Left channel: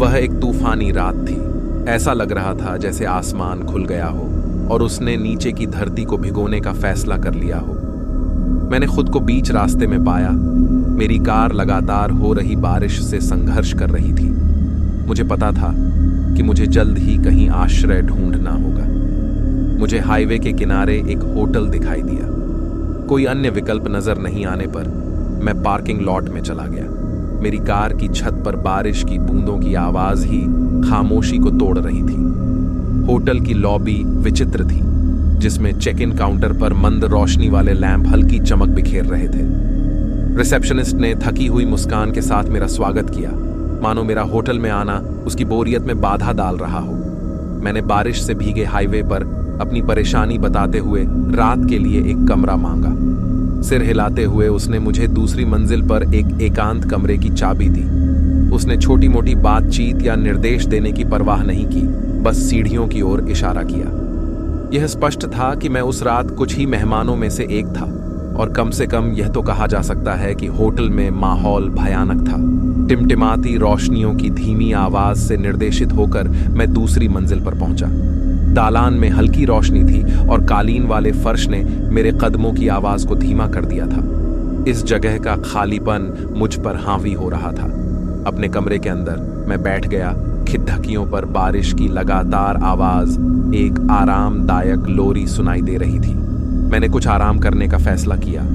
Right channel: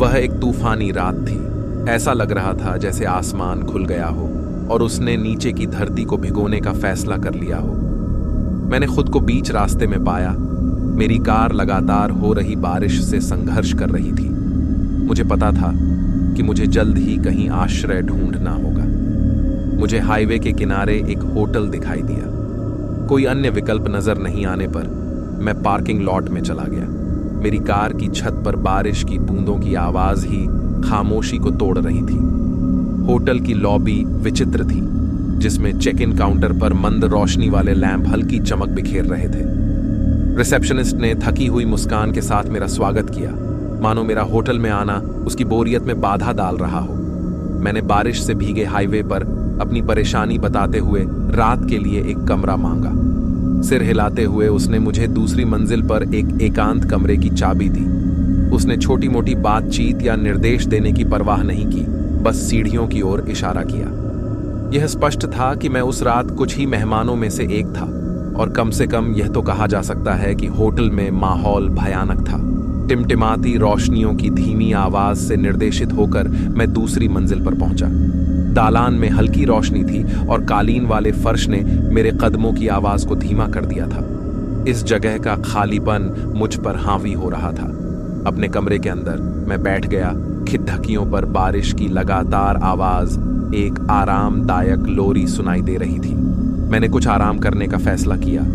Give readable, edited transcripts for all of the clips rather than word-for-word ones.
वह एक तूफानी रात थी। ऐसा लग रहा था जैसे आसमान खुल गया हो और उसने नीचे की धरती को भिगोने का फैसला कर लिया हो। मैंने खुद को बीच रास्ते में पाया। मेरी कार लगातार हो रही बारिश से संघर्ष कर रही थी। मुझे पता था कि मुझे जल्द ही कहीं आश्रय ढूंढना होगा। मुझे हाईवे के किनारे एक होटल दिखाई दिया। कोई अन्य विकल्प नजर नहीं आने पर मैं पार्किंग लॉट में चला गया। मेरी कार की छत पर बारिश की बूंदों की आवाज ही खामोशी को तोड़ रही थी। होटल की लॉबी विचित्र थी, जिसमें चेक इन काउंटर पर मंद रोशनी वाले लैंप हल्की चमक बिखेर रहे थे। रिसेप्शनिस्ट ने थकी हुई मुस्कान के साथ मेरा स्वागत किया, मानो मेरा होटल में आना उसकी बोरियत में बाधा डाल रहा हो। मैंने बारिश से भीगे हाईवे पर अपनी परेशानी बताते हुए रात के लिए एक कमरा मांगा। सिर हिलाते हुए उसने मुझे दूसरी मंजिल पर एक एकांत कमरे की चाबी दी। उसने छोटी मोटी बातचीत या निर्देश देने की परवाह नहीं की, बस सीढ़ियों की ओर इशारा किया। यह स्पष्ट था कि मैं उस रात कुछ ही मेहमानों में से एक था, और कम से कम यह तो कहा जा सकता है कि होटल में माहौल भयानक था। टिमटिमाती रोशनियों की धीमी आवाज से निर्देशित होकर मैं दूसरी मंजिल पर पहुंचा। दालान में हल्की रोशनी थी और कालीन वाले फर्श ने मेरे कदमों की आवाज को धीमा कर दिया था। इस जगह का खालीपन मुझ पर हावी हो रहा था। अपने कमरे के अंदर मैं बैठ गया। खिड़कियों पर बारिश की लगातार आवाज एक आरामदायक लोरी सुनाई दे रही थी। मैंने कुछ आराम करने का फैसला किया,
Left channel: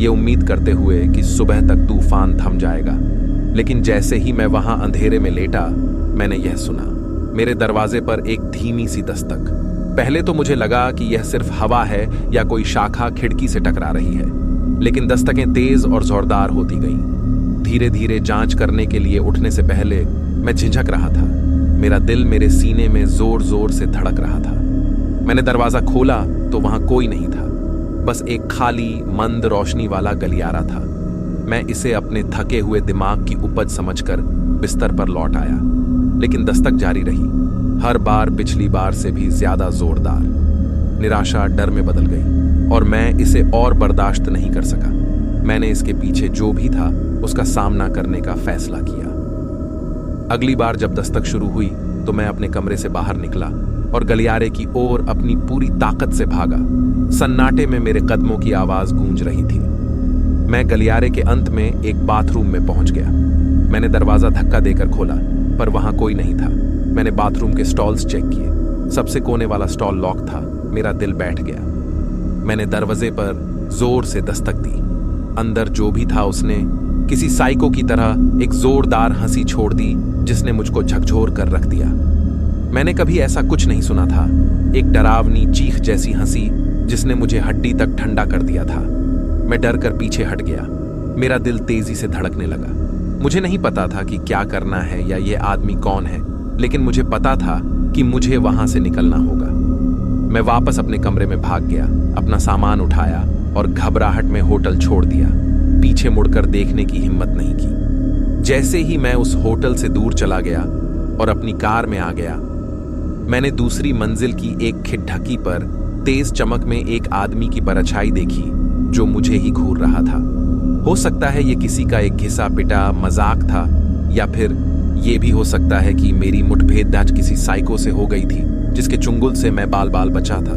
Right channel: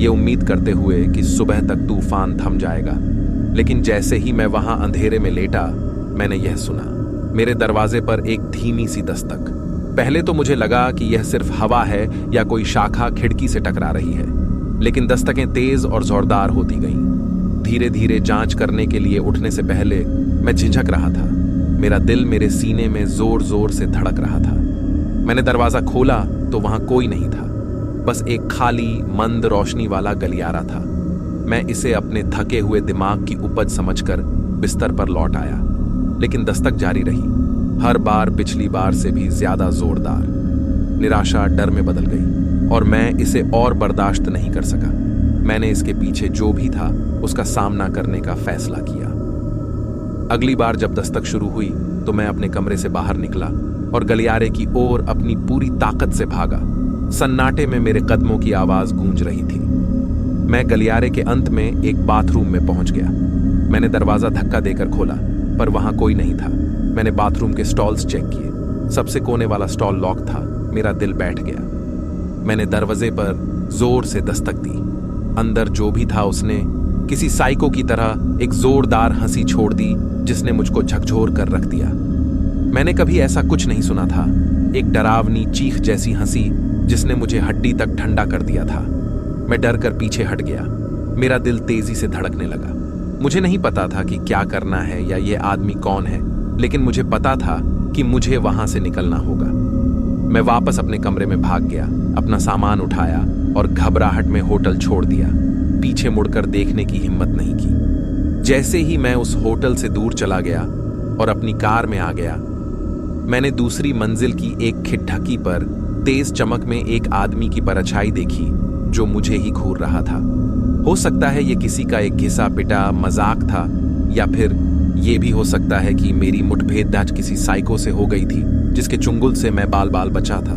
ये उम्मीद करते हुए कि सुबह तक तूफान थम जाएगा। लेकिन जैसे ही मैं वहां अंधेरे में लेटा, मैंने यह सुना, मेरे दरवाजे पर एक धीमी सी दस्तक। पहले तो मुझे लगा कि यह सिर्फ हवा है या कोई शाखा खिड़की से टकरा रही है, लेकिन दस्तकें तेज और जोरदार होती गईं। धीरे धीरे जांच करने के लिए उठने से पहले मैं झिझक रहा था। मेरा दिल मेरे सीने में जोर जोर से धड़क रहा था। मैंने दरवाजा खोला तो वहां कोई नहीं था, बस एक खाली मंद रोशनी वाला गलियारा था। मैं इसे अपने थके हुए दिमाग की उपज समझकर बिस्तर पर लौट आया, लेकिन दस्तक जारी रही, हर बार पिछली बार से भी ज्यादा जोरदार। निराशा डर में बदल गई और मैं इसे और बर्दाश्त नहीं कर सका। मैंने इसके पीछे जो भी था उसका सामना करने का फैसला किया। अगली बार जब दस्तक शुरू हुई तो मैं अपने कमरे से बाहर निकला और गलियारे की ओर अपनी पूरी ताकत से भागा। सन्नाटे में मेरे कदमों की आवाज गूंज रही थी। मैं गलियारे के अंत में एक बाथरूम में पहुंच गया। मैंने दरवाजा धक्का देकर खोला, पर वहां कोई नहीं था। मैंने बाथरूम के स्टॉल्स चेक किए। सबसे कोने वाला स्टॉल लॉक था। मेरा दिल बैठ गया। मैंने दरवाजे पर जोर से दस्तक दी। अंदर जो भी था उसने किसी साइको की तरह एक जोरदार हंसी छोड़ दी, जिसने मुझको झकझोर कर रख दिया। मैंने कभी ऐसा कुछ नहीं सुना था। एक डरावनी चीख जैसी हंसी जिसने मुझे हड्डी तक ठंडा कर दिया था। मैं डर कर पीछे हट गया। मेरा दिल तेजी से धड़कने लगा। मुझे नहीं पता था कि क्या करना है या ये आदमी कौन है, लेकिन मुझे पता था कि मुझे वहां से निकलना होगा। मैं वापस अपने कमरे में भाग गया, अपना सामान उठाया और घबराहट में होटल छोड़ दिया। पीछे मुड़कर देखने की हिम्मत नहीं की। जैसे ही मैं उस होटल से दूर चला गया और अपनी कार में आ गया, मैंने दूसरी मंजिल की एक खिड़की पर तेज चमक में एक आदमी की परछाई देखी जो मुझे ही घूर रहा था। हो सकता है ये किसी का एक घिसा पिटा मजाक था, या फिर ये भी हो सकता है कि मेरी मुठभेड़ किसी साइको से हो गई थी जिसके चुंगल से मैं बाल बाल बचा था।